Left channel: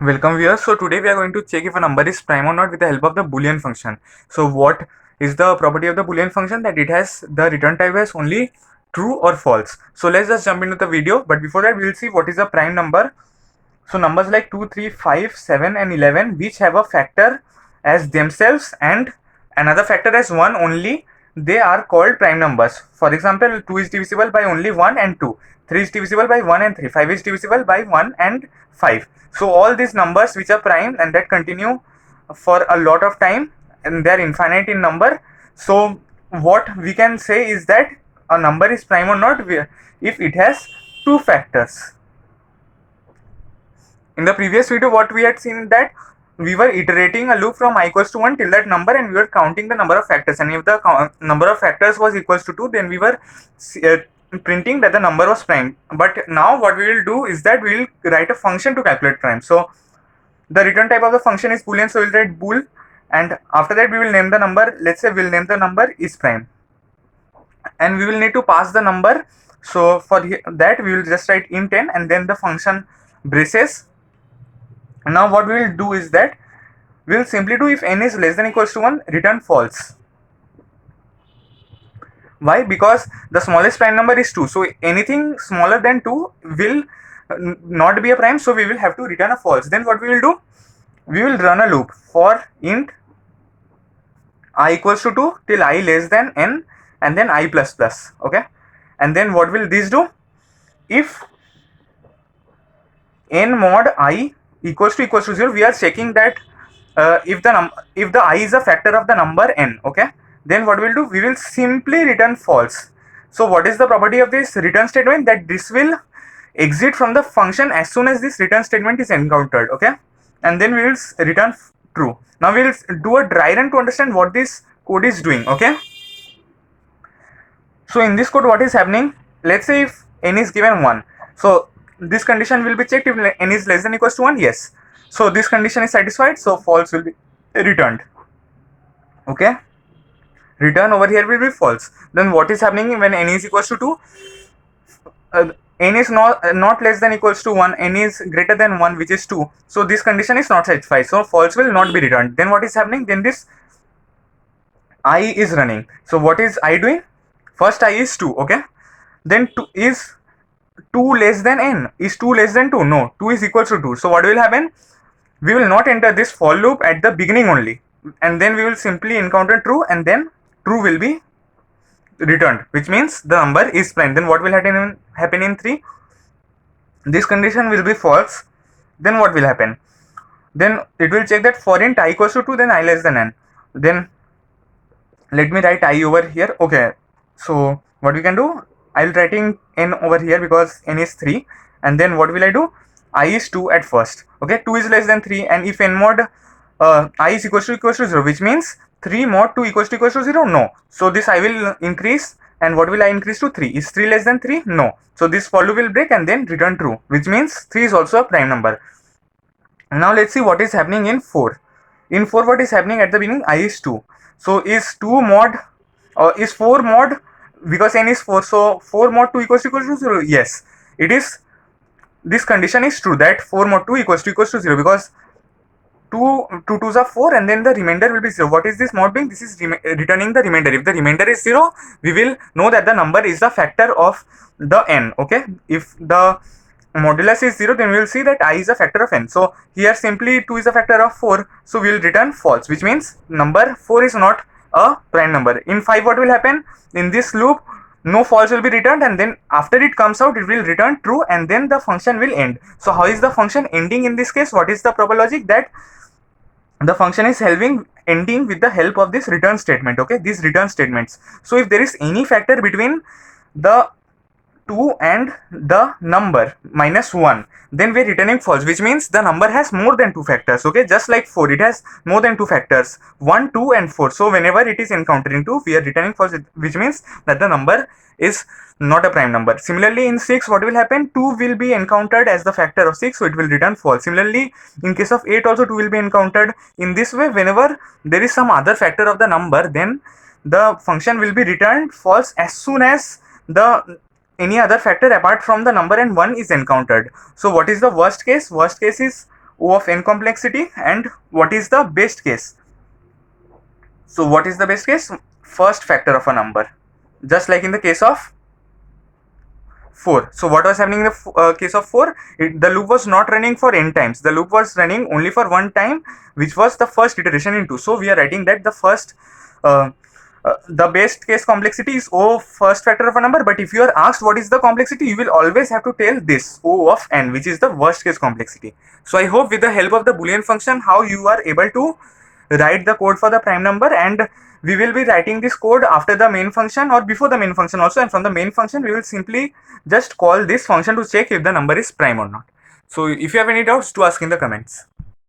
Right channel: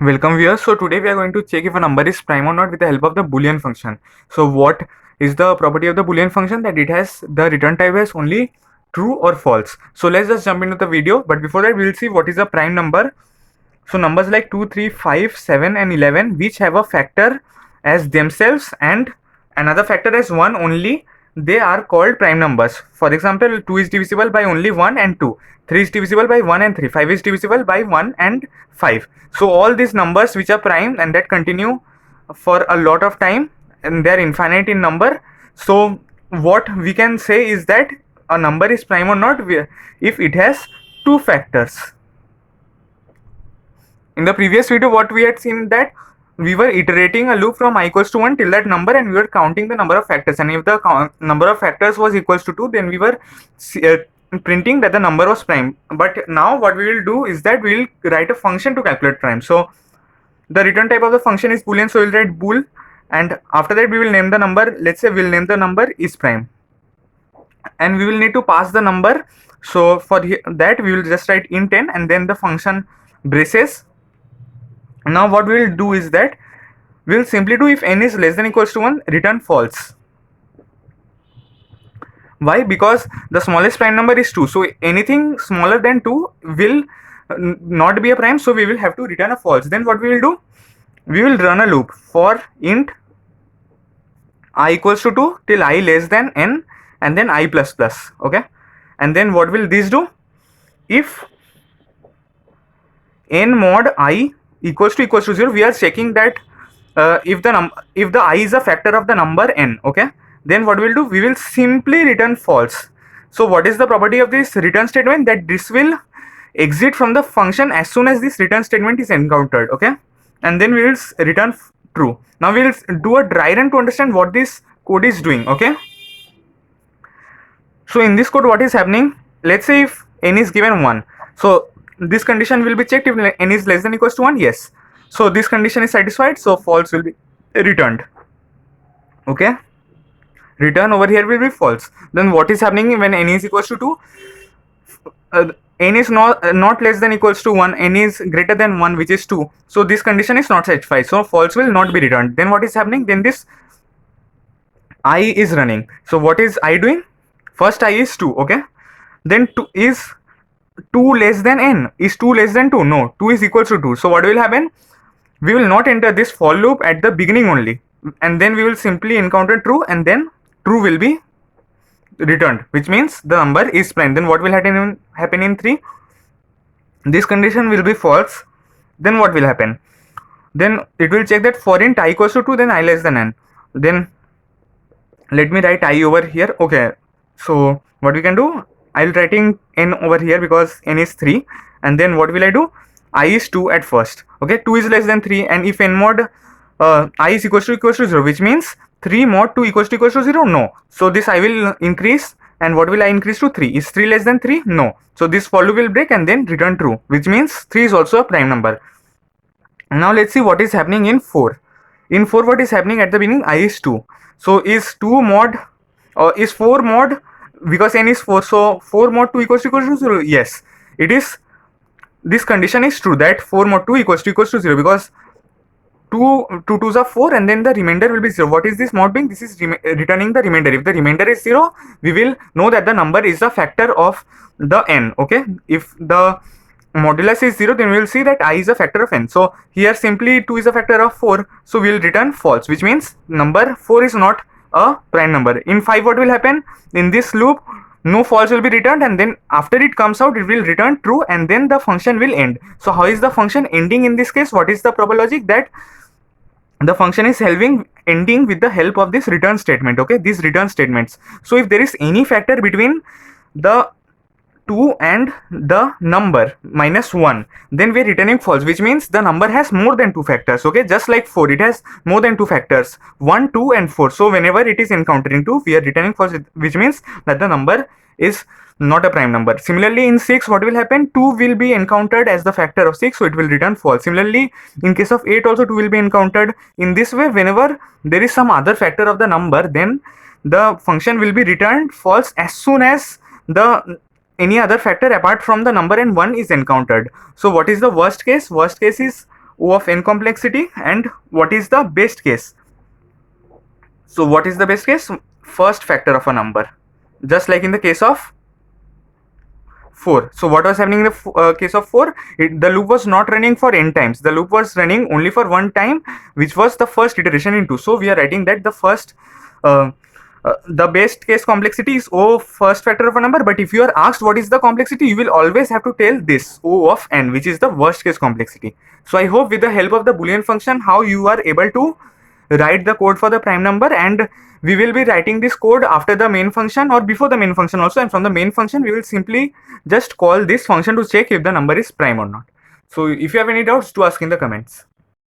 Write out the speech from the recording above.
Welcome viewers. So today we are going to check if a number is prime or not with the help of the Boolean function. So what is the property of the Boolean function? That it has the return type as only true or false. So let's just jump into the video. But before that, we will see what is a prime number. So numbers like 2, 3, 5, 7 and 11 which have a factor as themselves and another factor as 1 only, they are called prime numbers. For example, 2 is divisible by only 1 and 2, 3 is divisible by 1 and 3, 5 is divisible by 1 and 5. So all these numbers which are prime and that continue for a lot of time and they are infinite in number. So what we can say is that a number is prime or not if it has two factors. In the previous video, what we had seen that we were iterating a loop from I equals to 1 till that number and we were counting the number of factors, and if the number of factors was equals to 2, then we were printing that the number was prime. But now what we will do is that we will write a function to calculate prime. So the return type of the function is boolean, so we'll write bool, and after that we will name the number. Let's say we'll name the number is prime, and we will need to pass the number. So for that we will just write int n and then the function braces. Now what we will do is that we will simply do if n is less than equals to 1, return false. Why? Because the smallest prime number is 2, so anything smaller than 2 will not be a prime, so we will have to return a false. Then what we will do, we will run a loop for int I equals to 2 till I less than n and then I plus plus. Okay, and then what will this do? If n mod I equals to 0, we are checking that if the I is a factor of the number n. Okay, then what we'll do, we will simply return false. So what is the property of this return statement? That this will exit from the function as soon as this return statement is encountered. Okay, and then we will return true. Now we will do a dry run to understand what this code is doing. Okay, so in this code what is happening, let's say if n is given 1, so this condition will be checked if n is less than equals to 1. Yes, so this condition is satisfied, so false will be returned. Okay, return over here will be false. Then what is happening when n is equals to 2? N is not less than equals to 1, n is greater than 1, which is 2, so this condition is not satisfied, so false will not be returned. Then what is happening, then this I is running. So what is I doing? First I is 2. Okay, then 2 is 2 less than n. Is 2 less than 2? No, 2 is equal to 2. So what will happen, we will not enter this for loop at the beginning only, and then we will simply encounter true, and then true will be returned, which means the number is prime. Then what will happen in 3? This condition will be false. Then what will happen, then it will check that for int I equals to 2, then I less than n. Then let me write I over here. Okay, so what we can do, I'll writing n over here because n is 3, and then what will I do, I is 2 at first. Okay, 2 is less than 3, and if n mod I is equals to 0, which means 3 mod 2 equals to 0. No, so this I will increase, and what will I increase to 3? Is 3 less than 3? No, so this for loop will break and then return true, which means 3 is also a prime number. Now let's see what is happening in 4. In 4, what is happening at the beginning, I is 2. So is 2 mod or is 4 mod, because n is 4, so 4 mod 2 equals to 0. Yes, it is, this condition is true that 4 mod 2 equals to 0, because 2 2s are 4 and then the remainder will be 0. What is this mod being? This is returning the remainder. If the remainder is 0, we will know that the number is a factor of the n. Okay, if the modulus is 0, then we will see that I is a factor of n. So here simply 2 is a factor of 4, so we will return false, which means number 4 is not a prime number. In 5, what will happen, in this loop no false will be returned, and then after it comes out it will return true, and then the function will end. So how is the function ending in this case? What is the proper logic? That the function is ending with the help of this return statement. Okay, these return statements. So if there is any factor between the 2 and the number minus 1, then we are returning false, which means the number has more than 2 factors. Okay, just like 4, it has more than 2 factors, 1, 2 and 4. So whenever it is encountering 2, we are returning false, which means that the number is not a prime number. Similarly in 6, what will happen, 2 will be encountered as the factor of 6, so it will return false. Similarly in case of 8 also 2 will be encountered. In this way, whenever there is some other factor of the number, then the function will be returned false as soon as the any other factor apart from the number and 1 is encountered. So what is the worst case? Worst case is O of n complexity, and what is the best case. So what is the best case? First factor of a number, just like in the case of 4. So what was happening in the case of 4? The loop was not running for n times. The loop was running only for one time, which was the first iteration in 2. So we are writing that the first, the best case complexity is O first factor of a number. But if you are asked what is the complexity, you will always have to tell this O of n, which is the worst case complexity. So I hope with the help of the Boolean function, how you are able to write the code for the prime number, and we will be writing this code after the main function or before the main function also, and from the main function we will simply just call this function to check if the number is prime or not. So if you have any doubts, do ask in the comments.